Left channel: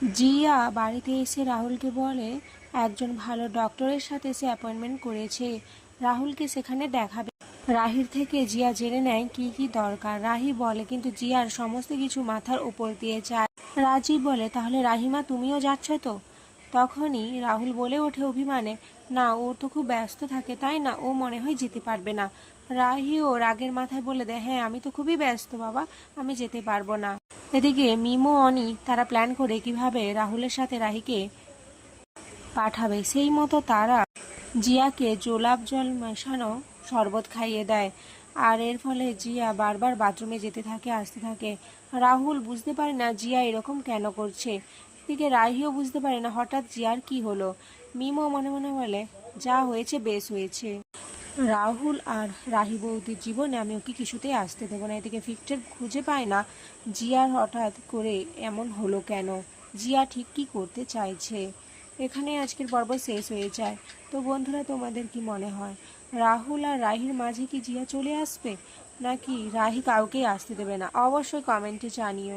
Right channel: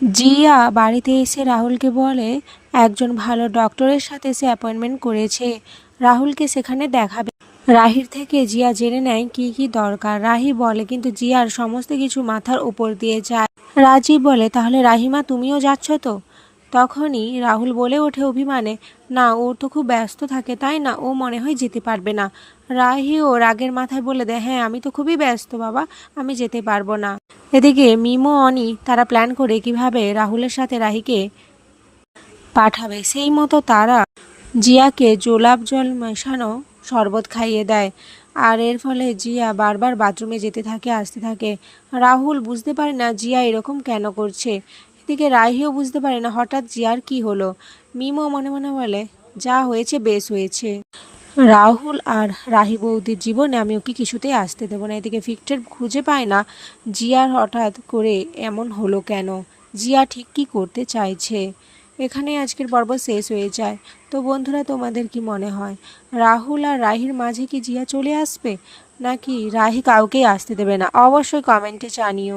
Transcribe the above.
জিয়া বাড়িতে এসে রাহুলকে বলে একজন ভালো ডক্টরের সাথে সে অ্যাপয়েন্টমেন্ট করেছে, রাহুলকে সেখানে দেখাবে। রাহির থেকে জিয়া জেনে নেয় কি কি দরকার। রাহি বলে কিন্তু জিয়ার সমস্ত কিছু মাথার উপর দিয়ে যায়। রাজীব বলে তাহলে রাহিমা তুমিও যাচ্ছ তো? তখনই রাহুল বলে ওঠে অভিমানে, না ও তো খুব ব্যস্ত থাকে, তাই না, ও মনে হয় যেতে পারবে না। রাহিও রাগের মাথায় বলে দেয়, হ্যাঁ আমি তো খুবই ব্যস্ত বাবা, আমি যেতে পারবো না। এদিকে মিমো অনি তারা প্ল্যান করে কিভাবে রাহুলের সাথে রাহিকে পাঠাবে। সেই মতো তারা জিয়াকে গোলাপ জল মেশানো শরবত খাইয়ে দেয়। আর এর ফলে জিয়া বারবার বাথরুমে যেতে থাকে, আসতে থাকে। রাহুল বুঝতে পারে না জিয়া এরকম কেন করছে। এদিকে রাহিও বুঝতে পারে না হঠাৎ জিয়ার কি হলো। মিমো মনে মনে বলে, যা হয়েছে বেশ হয়েছে, রাহুল আর রাহি বৌদির জীবনে আমি ওকে কিছুতেই আসতে দেবো না। এদিকে ভিক্টর খুঁজে পায় না জিয়ার হঠাৎ করে এমন হলো কেন, জিয়া ঠিক কী করতে চাইছে। এখানে আজকের পর্ব শেষ হয়ে যায়। তো বন্ধুরা, তোমাদের কি মনে হয় রাহুল আর রাহির মাঝে কি জিয়া চলে আসবে, নাকি রাহি কাউকেই আসতে দেবে না? অবশ্যই কমেন্টে জানিও।